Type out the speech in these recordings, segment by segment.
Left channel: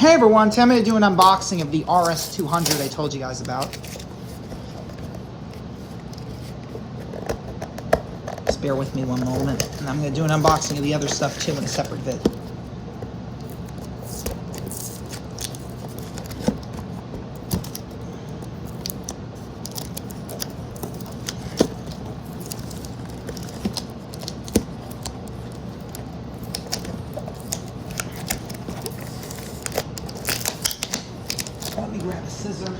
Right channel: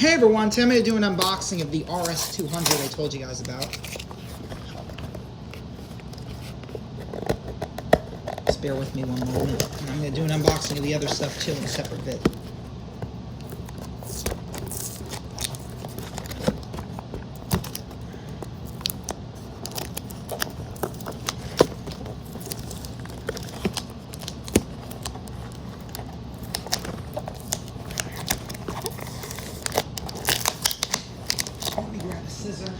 Hey everyone, today I'm going to do an unboxing of the RS200 I told you guys about. Just bear with me one moment, and I'm going to do an unboxing of the other stuff too in a separate vid. Let me grab a scissor.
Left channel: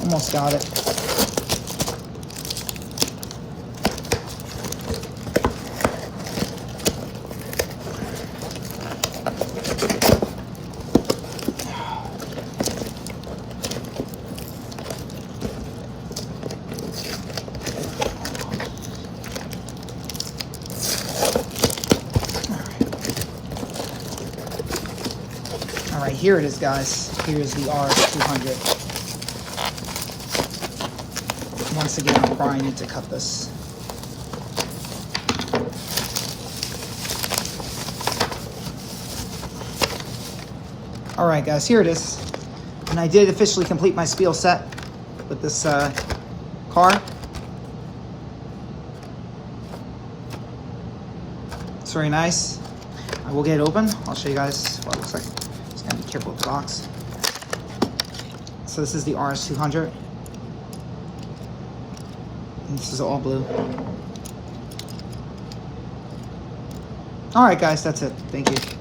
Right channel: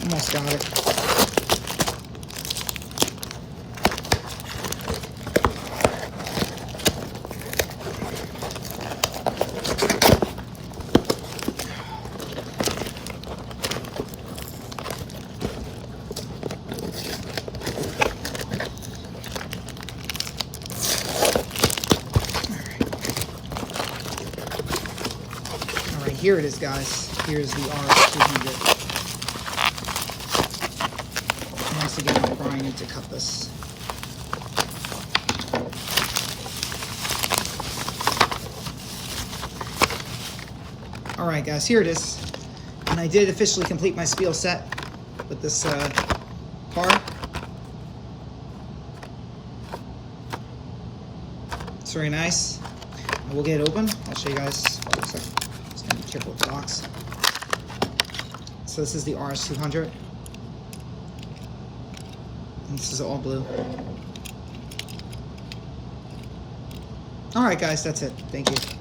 Almost got it. All right, here it is, guys. Here's the RS200. Once again, I probably need to cut this. All right, guys, here it is. And I did officially complete my Spielset with this car. It's very nice. I will get it open. I'll show you guys what it looks like. Just gotta be careful with the box. So this is the RS200. And this is all blue. All right, guys, that's it. Thank you.